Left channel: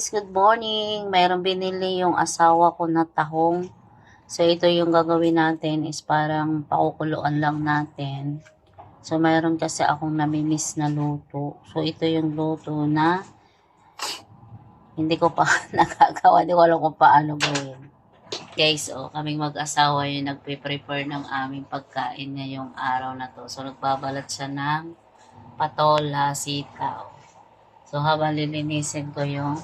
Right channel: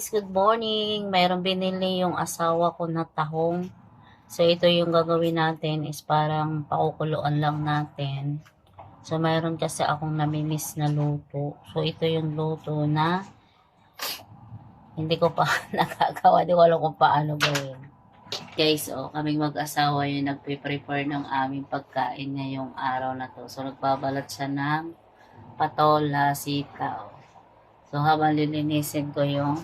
guys, good morning. Mayroong binili yung asawa ko na tahong. So ito yung gagawin natin is parang pakukuluan lang natin. So mayroon kasi akong namimiss na luto. So ito yung luto na hindi ko pa nakagawa. Hindi ko alam kung paano gawin. Guys, kaming mag-asawa yung nagpe-prepare ng aming pagkain ngayong araw na to. So nagbabalat siya ng patola, sitaw. So, habang lilinisin ko yung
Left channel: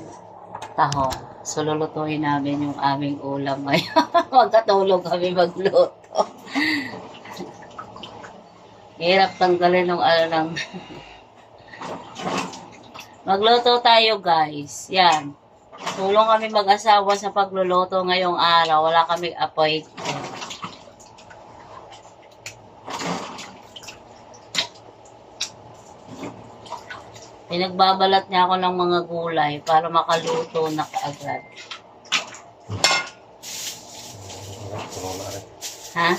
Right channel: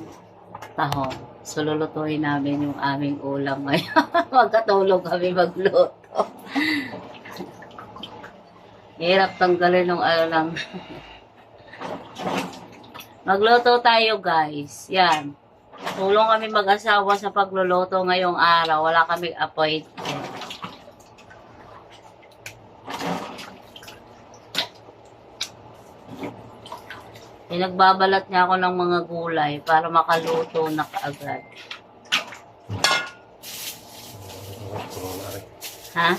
tahong. So, lulutuin namin yung aming ulam ngayon. Magkatulog kami magluto. Hirap tanggalin ng lang. Magluto tayo, guys. Yan. Tulong kami mag-asawa sa pagluluto ngayong araw. Wala kami appointment. Pinagbabalat niya ako ng mga gulay para makaluto na kaagad. Ha?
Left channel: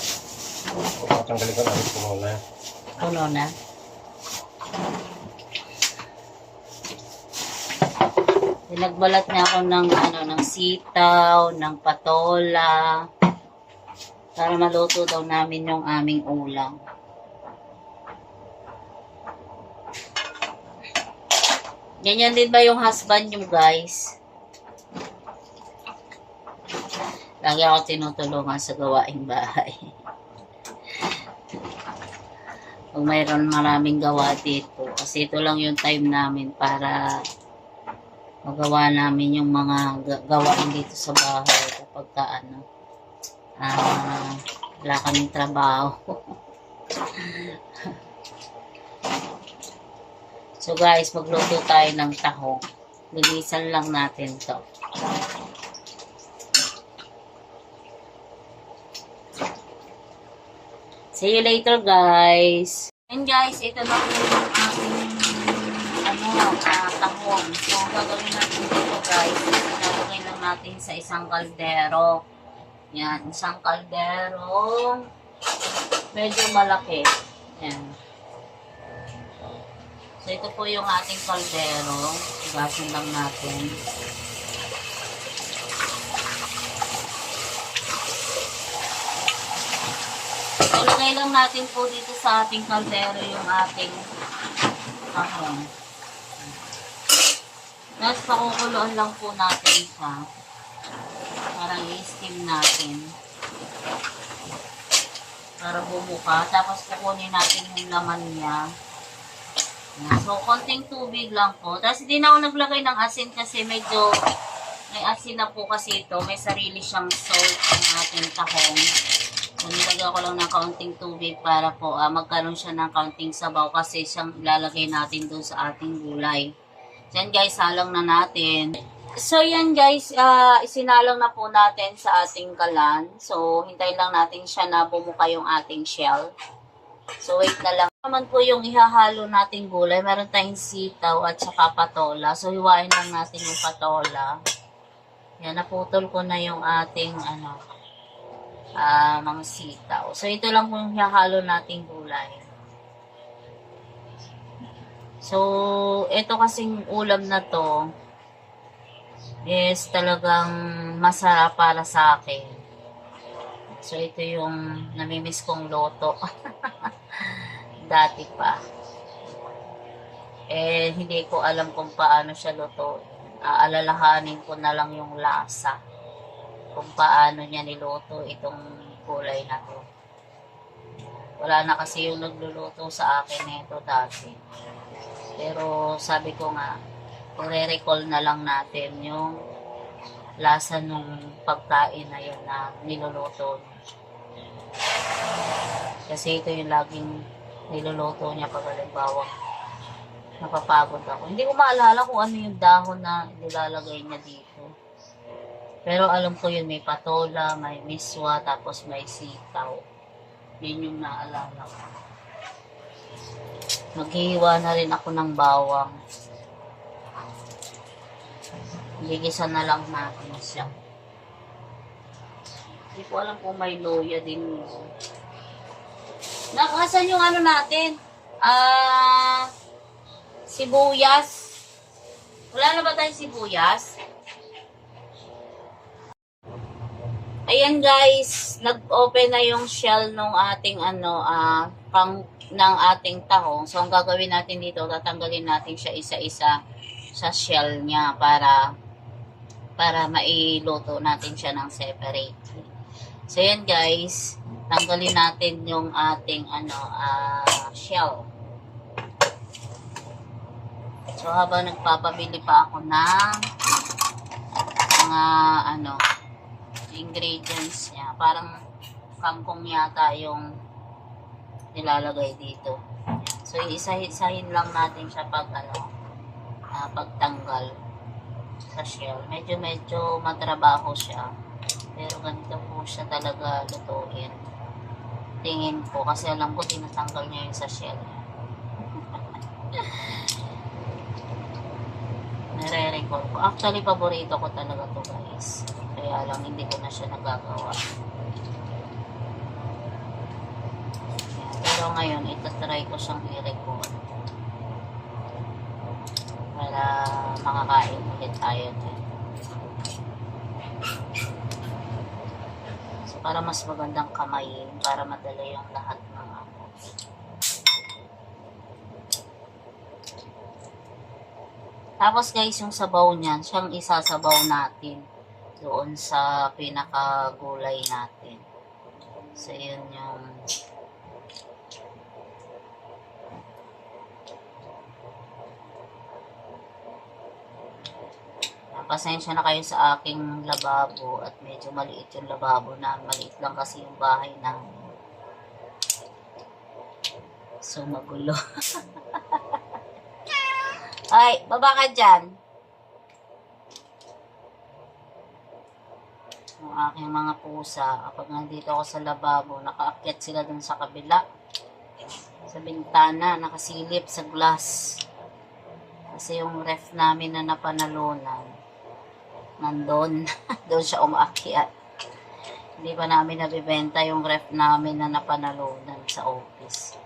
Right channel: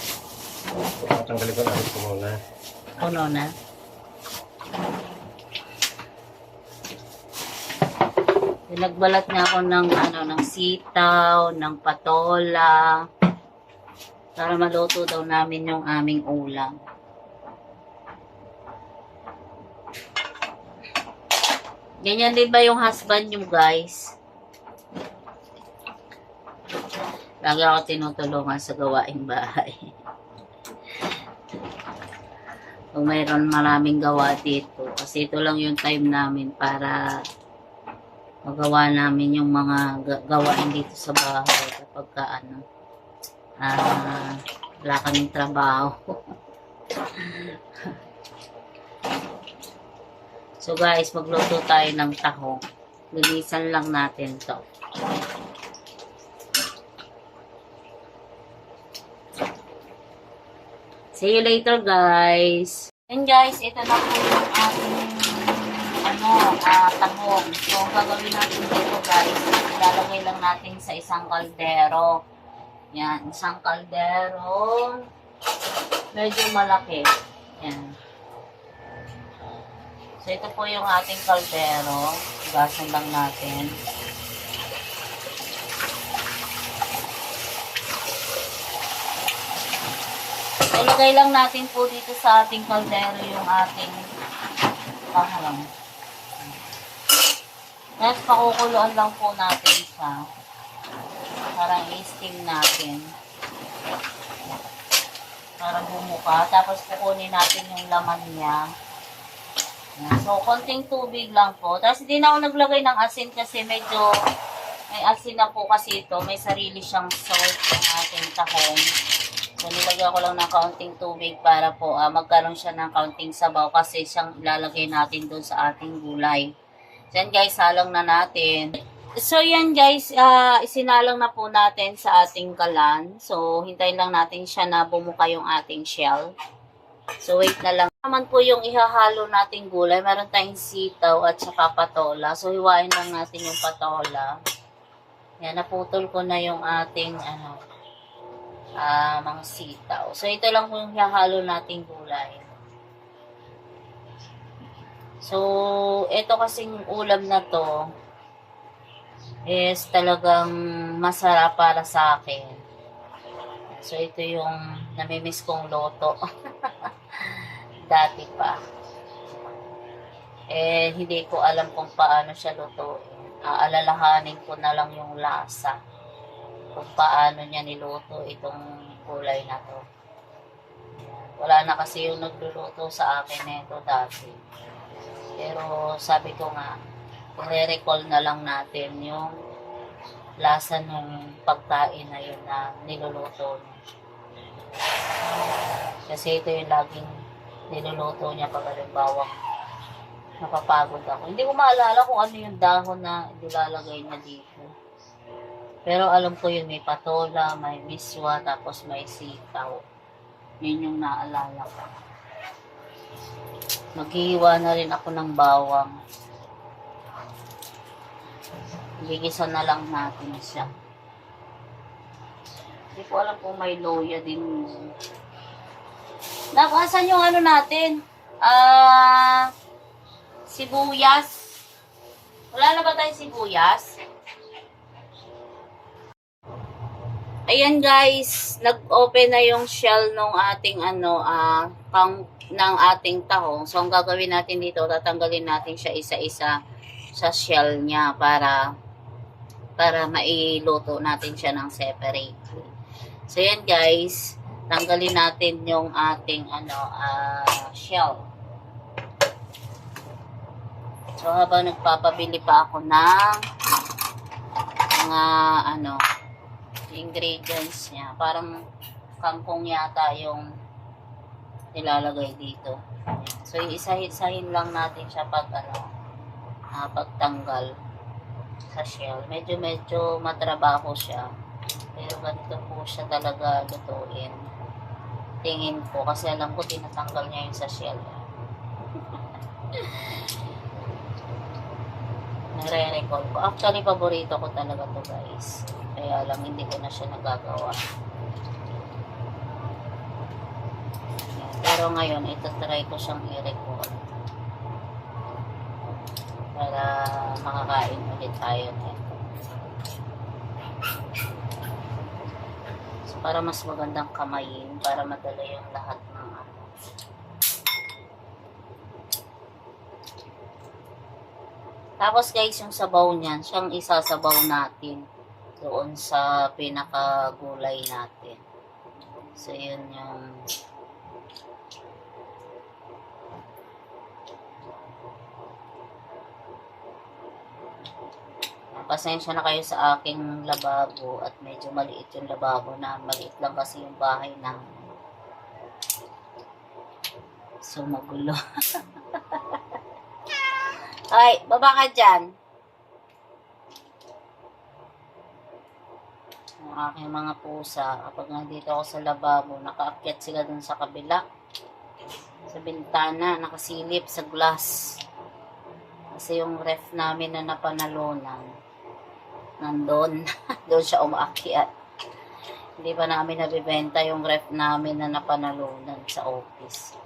Tanggalin ko na rin po muna. Puno na. Pinagbalat niya ako ng sitaw, ng patola para maluto daw namin yung aming ulam. Ganyan din ba yung husband nyo, guys? Lagi ako tinutulungan sa gawaing bahay. Kung mayroon maraming gawa dito. Kasi ito lang yung time namin para magawa namin yung mga gawain dito sa bahay kapag wala kaming trabaho. So guys, magluto tayo ng tahong. Linisan lang natin to. See you later, guys. And guys, ito na po yung aking tahong. So, gagawin natin dito, guys. Ilalagay lang natin sa isang kaldero. Yan, isang kaldero. Medyo malaki. Yan. So, ito po yung ating kaldero. Gasan lang natin. So, ilagay lang natin po dito sa ating kaldero yung ating tahong. Tapos, pakukuluan lang po natin siya. Para i-steam natin. Para bumuka. Tapos, kukunin natin yung laman niya. So, konting tubig lang po. Tapos, hindi na ako naglagay ng asin kasi medyo may asin na po kasi ito. May sarili siyang salt ng ating tahong. So, nilagyan ko lang ng kaunting tubig para po magkaroon siya ng kaunting sabaw kasi siyang ilalagay natin dun sa ating gulay. So, yan guys, halang na natin. So, yan guys, isinalang na po natin sa ating kalan. So, hintayin lang natin siya na bumuka yung ating shell. So, wait na lang. Naman po yung ihahalo nating gulay. Meron tayong sitaw at saka patola. So, hiwain lang natin yung patola. Yan, naputol ko na yung ating mga sitaw. So, ito lang po yung ihahalo nating gulay. So, ito kasing ulam na to is talagang masarap para sa akin. So, ito yung namimiss kong loto. Dati pa. Hindi ko alam kung paano siya luto. Alalahanin ko na lang yung lasa. Kung paano niya niluto itong kulay na to. Wala na kasi yung nagluluto sa akin nito dati. Pero sabi ko nga, i-recall na lang natin yung lasa ng pagkain na yun na niluluto niya. Kasi ito yung laging niluluto niya pag halimbawa napapagod ako. Hindi ko maalala kung ano yung dahon na nilalagay niya dito. Pero alam ko yun, may patola, may miswa, tapos may sitaw. Yun yung naalala ko. Maghihiwa na rin ako ng bawang. Gigisa na lang natin siya. Hindi ko alam kung may loya din yun. Nakasan yung natin? Sibuyas. Wala na ba tayong sibuyas? Ayan guys, nag-open na yung shell ng ating ng ating tahong. So ang gagawin natin dito, tatanggalin natin siya isa-isa sa shell niya para mailuto natin siya ng separate. So yan guys, tanggalin natin yung ating shell. So habang nagpapabili pa ako ng mga ingredients niya, parang kangkong yata yung nilalagay dito. So isa-isahin lang natin siya pagtanggal sa shell. Medyo matrabaho siya. Pero ganito po siya talaga lutuin. Tingin ko kasi alam ko tinatanggal niya yung sa shell. Nare-recall ko. Actually, paborito ko talaga to guys. Kaya lang hindi ko na siya nagagawa. Yan. Pero ngayon, itatry ko siyang i-record. Para makakain ulit tayo din. So, para mas magandang kamayin, para madala yung lahat ng Tapos guys, yung sabaw niyan, siyang isasabaw natin doon sa pinakagulay natin. So, yun yung pasensya na kayo sa aking lababo at medyo maliit yung lababo na. Maliit lang kasi yung bahay namin. So, magulo. Okay, baba ka dyan. Ang aking mga pusa, kapag nandito ako sa lababo, nakaakyat sila dun sa kabila. Sa bintana, nakasilip sa glass. Kasi yung ref namin na napanalunan, nandun. Doon siya umaakyat. Hindi pa namin nabibenta yung ref namin na napanalunan sa office.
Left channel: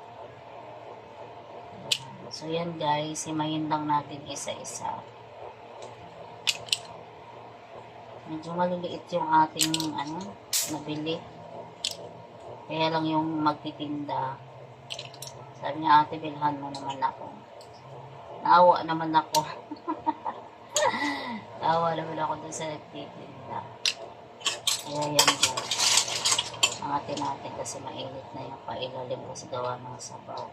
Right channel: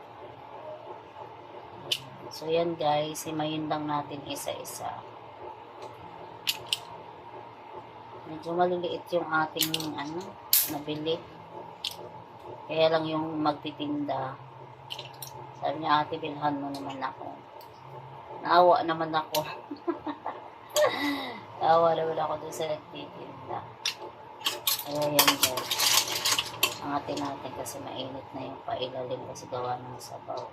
So, yan guys, himayin lang natin isa-isa. Medyo maliliit yung ating, nabili. Kaya lang yung magtitinda. Sabi niya, ate, bilhan mo naman ako. Naawa naman ako. Naawa naman ako dun sa nagtitinda. Kaya yan guys. Angatin natin kasi mainit na yung pailalim kasi gawa ng sabaw.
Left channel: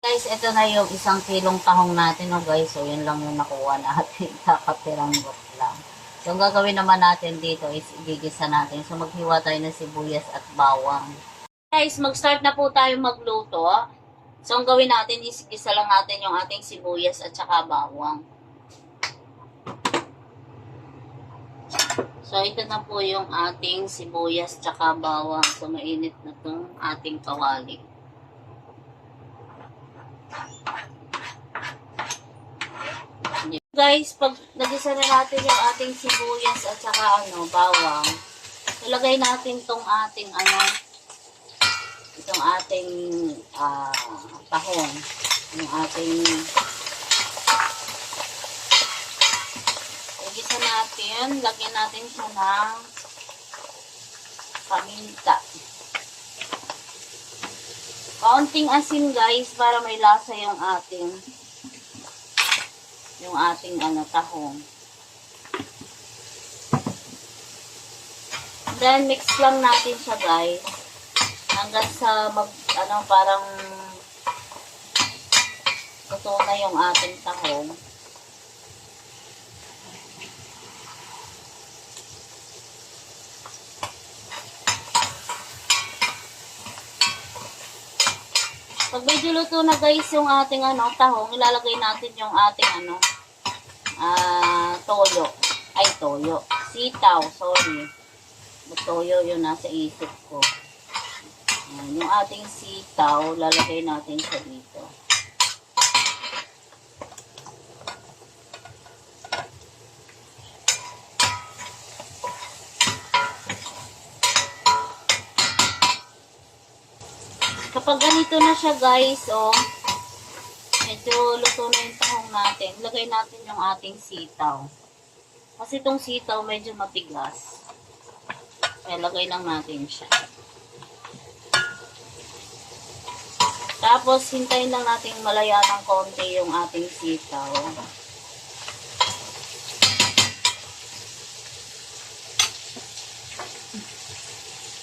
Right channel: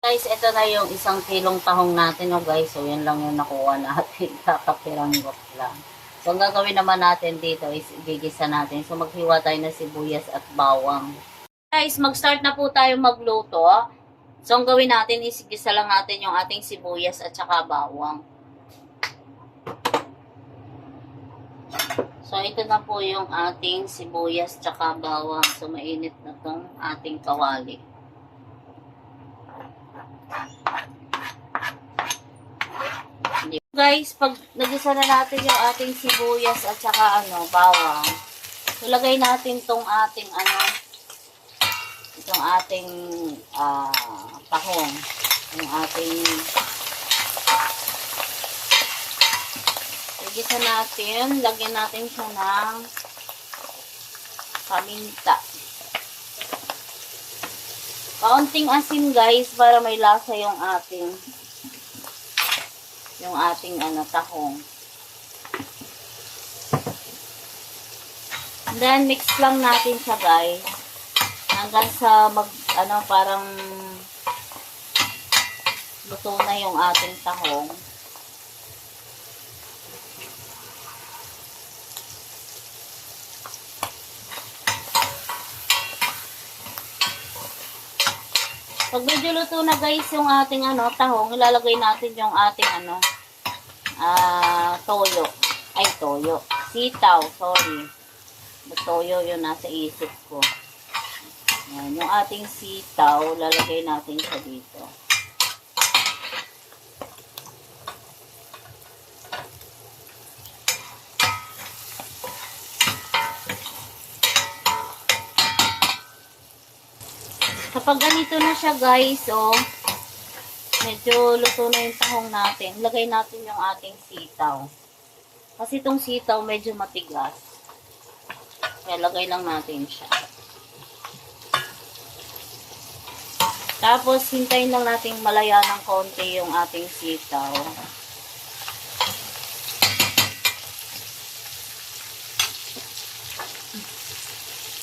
Guys, ito na yung 1 kilong tahong natin, guys. So, yan lang yung nakuha natin. Kakapiranggot lang. So, ang gagawin naman natin dito is igigisa natin. So, maghiwa tayo ng sibuyas at bawang. Guys, mag-start na po tayo magluto. So, ang gawin natin is igisa lang natin yung ating sibuyas at saka bawang. So, ito na po yung ating sibuyas at saka bawang. So, mainit na tong ating kawali. Guys, pag nagisa na natin yung ating sibuyas at saka bawang, ilagay natin tong ating itong ating tahong, yung ating igisa natin, lagyan natin siya ng paminta. Kaunting asin guys para may lasa yung ating tahong. Then mix lang natin siya guys hanggang sa parang luto na yung ating tahong. Pag medyo luto na guys yung ating tahong, ilalagay natin yung ating toyo. Sitaw, sorry. Toyo yun nasa isip ko. Ayan, yung ating sitaw, lalagay natin siya dito. Kapag ganito na siya guys, oh, medyo luto na yung tahong natin. Lagay natin yung ating sitaw. Kasi itong sitaw medyo matigas. Kaya lagay lang natin siya. Tapos, hintayin lang natin malaya ng konti yung ating sitaw.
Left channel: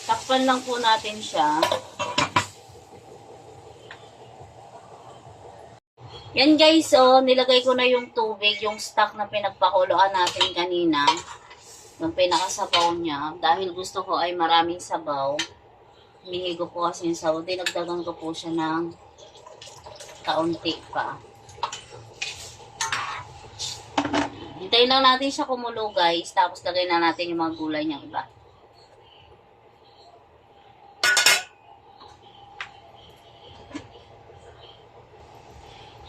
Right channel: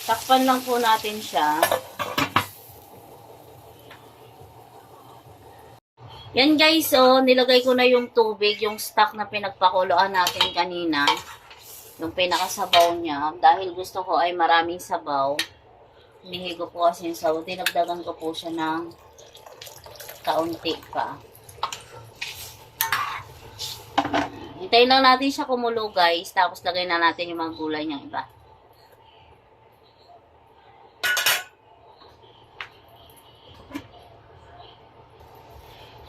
Takpan lang po natin siya. Yan guys, oh, nilagay ko na yung tubig, yung stock na pinagpakuloan natin kanina. Yung pinakasabaw niya. Dahil gusto ko ay maraming sabaw. Hinihigo po kasi yung sabaw. Dinagdagan ko po siya ng kaunti pa. Hintayin lang natin siya kumulo guys. Tapos lagay na natin yung mga gulay niyang iba.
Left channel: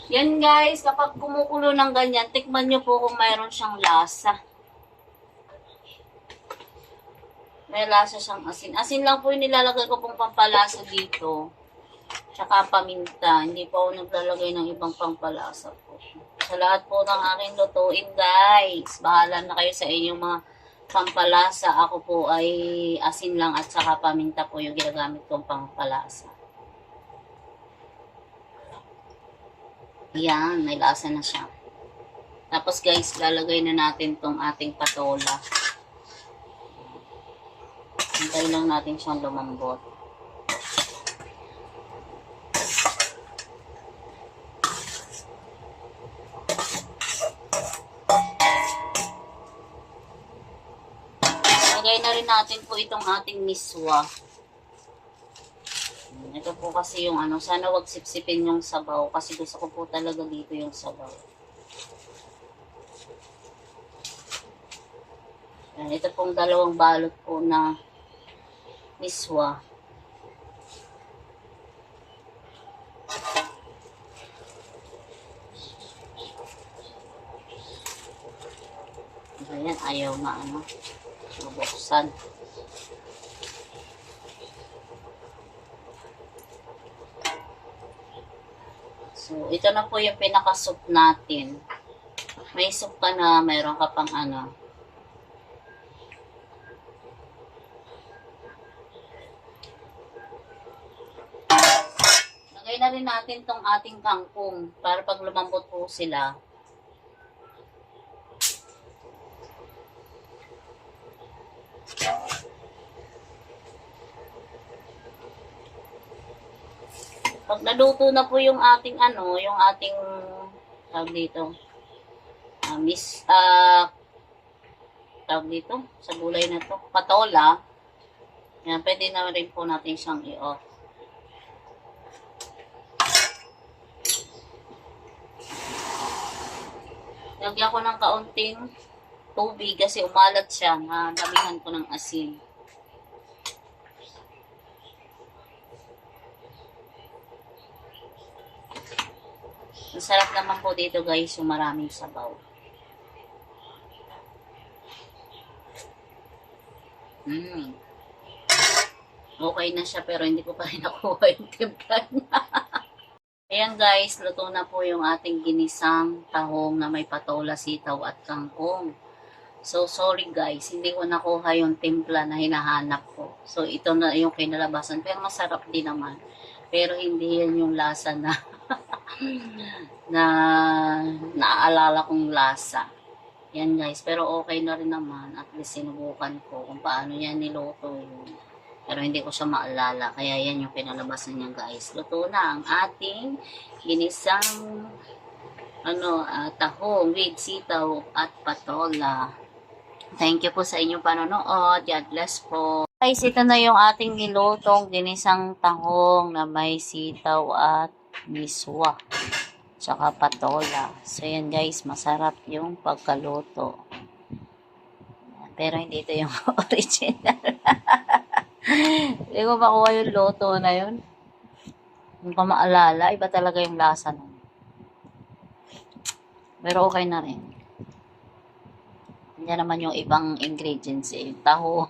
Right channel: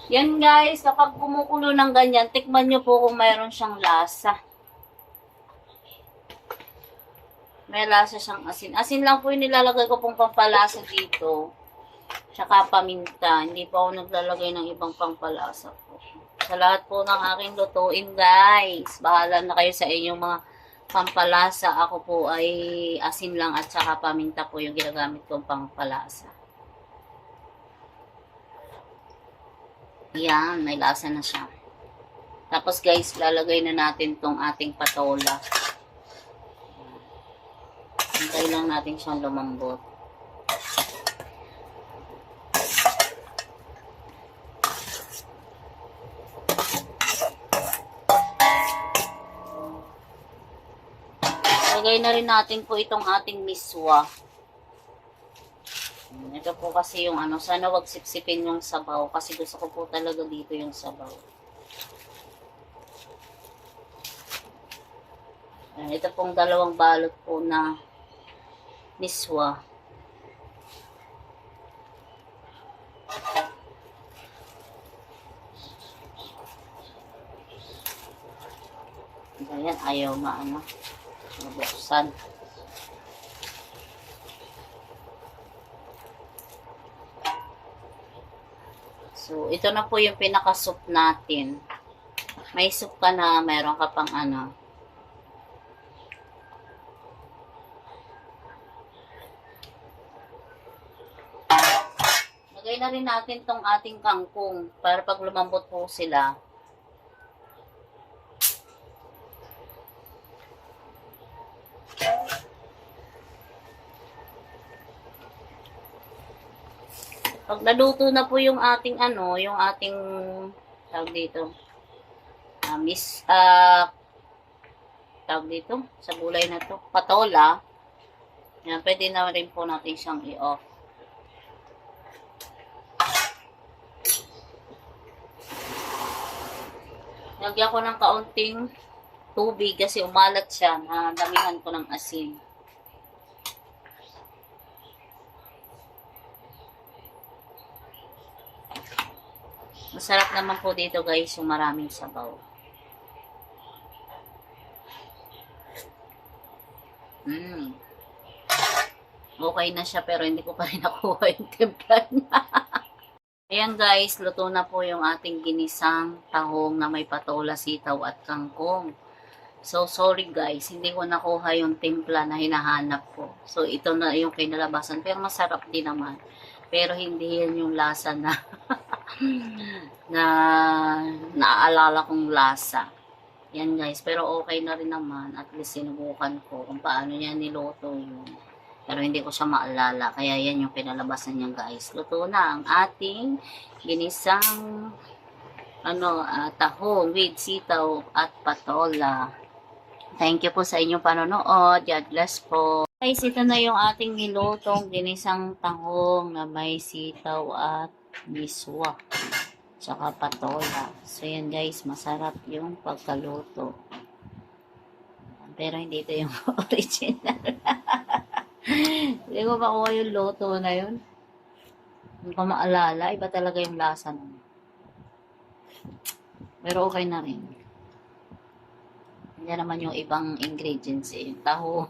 Yan guys, kapag kumukulo ng ganyan, tikman nyo po kung mayroon siyang lasa. May lasa siyang asin. Asin lang po yung nilalagay ko pong pampalasa dito. Tsaka paminta. Hindi pa ako naglalagay ng ibang pampalasa po. Sa lahat po ng aking lutuin guys, bahala na kayo sa inyong mga pampalasa. Ako po ay asin lang at saka paminta po yung ginagamit kong pampalasa. Yan, may lasa na siya. Tapos guys, lalagay na natin tong ating patola. Hintay lang natin siyang lumambot. Lagay na rin natin po itong ating miswa. Ito po kasi yung ano, sana wag sipsipin yung sabaw kasi gusto ko po talaga dito yung sabaw. Ito pong dalawang balot po na miswa. Ayan, ayaw na ano, mabuksan. So, ito na po yung pinaka-soup natin. May soup ka na, mayroon ka pang ano. Lagay na rin natin tong ating kangkong para pag lumambot po sila. Pag naluto na po yung ating ano, yung ating tawag dito. Tawag dito sa gulay na to, patola. Yan, pwede na rin po natin siyang i-off. Lagyan ko ng kaunting tubig kasi umalat siya. Damihan ko ng asin. Masarap naman po dito guys yung maraming sabaw. Okay na siya pero hindi ko pa rin nakuha yung timpla niya. Ayan guys, luto na po yung ating ginisang tahong na may patola, sitaw at kangkong. So sorry guys, hindi ko nakuha yung timpla na hinahanap ko. So ito na yung kinalabasan. Pero masarap din naman. Pero hindi yan yung lasa na na naaalala kong lasa. Yan guys, pero okay na rin naman. At least sinubukan ko kung paano yan niluto yun. Pero hindi ko siya maalala. Kaya yan yung pinalabasan niya guys. Luto na ang ating ginisang tahong with sitaw at patola. Thank you po sa inyong panonood. God bless po. Guys, ito na yung ating nilutong ginisang tahong na may sitaw at miswa. Tsaka patola. So yan guys, masarap yung pagkaluto. Pero hindi ito yung original. Hindi ko makuha yung luto na yun. Hindi ko maalala. Iba talaga yung lasa nun. Pero okay na rin. Hindi naman yung ibang ingredients eh. Taho.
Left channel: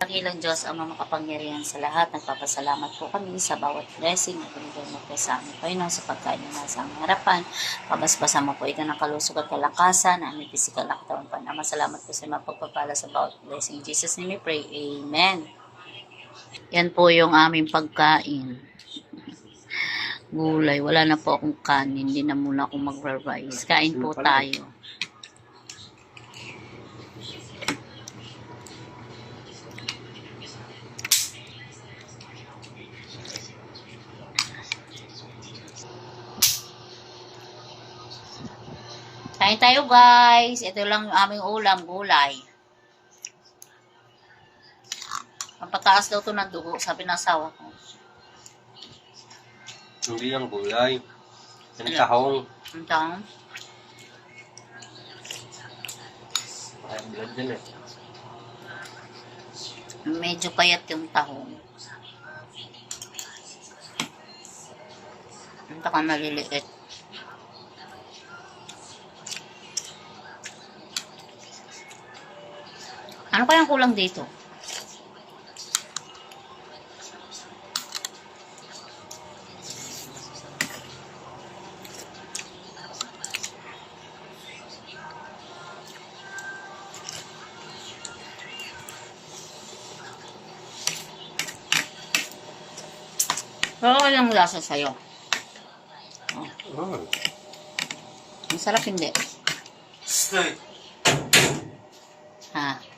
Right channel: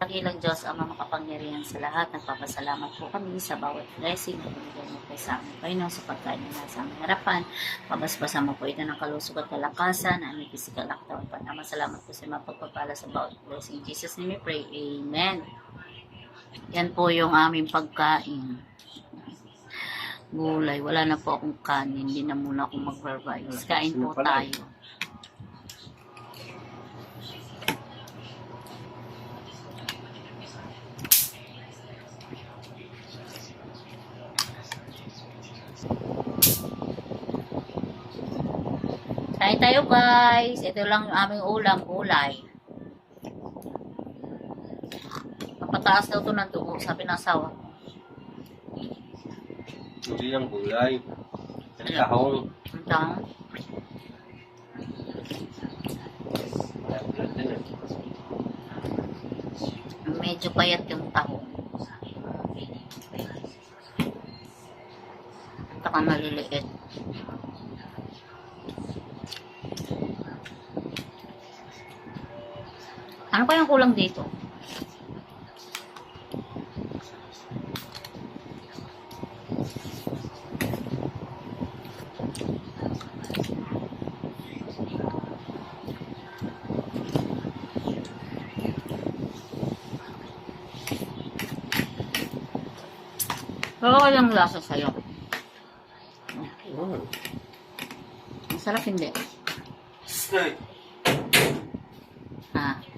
Pakilang Diyos ang makapangyarihan sa lahat. Nagpapasalamat po kami sa bawat blessing na binigay mo po sa amin. Panginoon, sa pagkain ng nasa aming harapan. Pabasbasan mo po ito ng kalusog at kalakasan na aming pisikal na katawan pa. Salamat po sa mga pagpapala sa bawat blessing. In Jesus' name we pray. Amen. Yan po yung aming pagkain. Gulay. Wala na po akong kanin. Hindi na muna akong mag-revise. Kain po tayo. Kain tayo guys. Ito lang yung aming ulam, gulay. Papataas daw to ng dugo, sabi ng asawa ko. Hindi yung gulay. Ang tahong. Ang tahong. Blood din eh. Medyo payat yung tahong. Ito ka maliliit. Ano kayang kulang dito? Pero walang lasa sa'yo. Oh. Masarap hindi. Ha?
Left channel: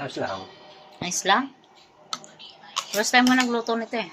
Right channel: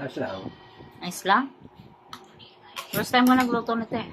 Ayos lang. Nice lang? First time mo nagluto nito eh.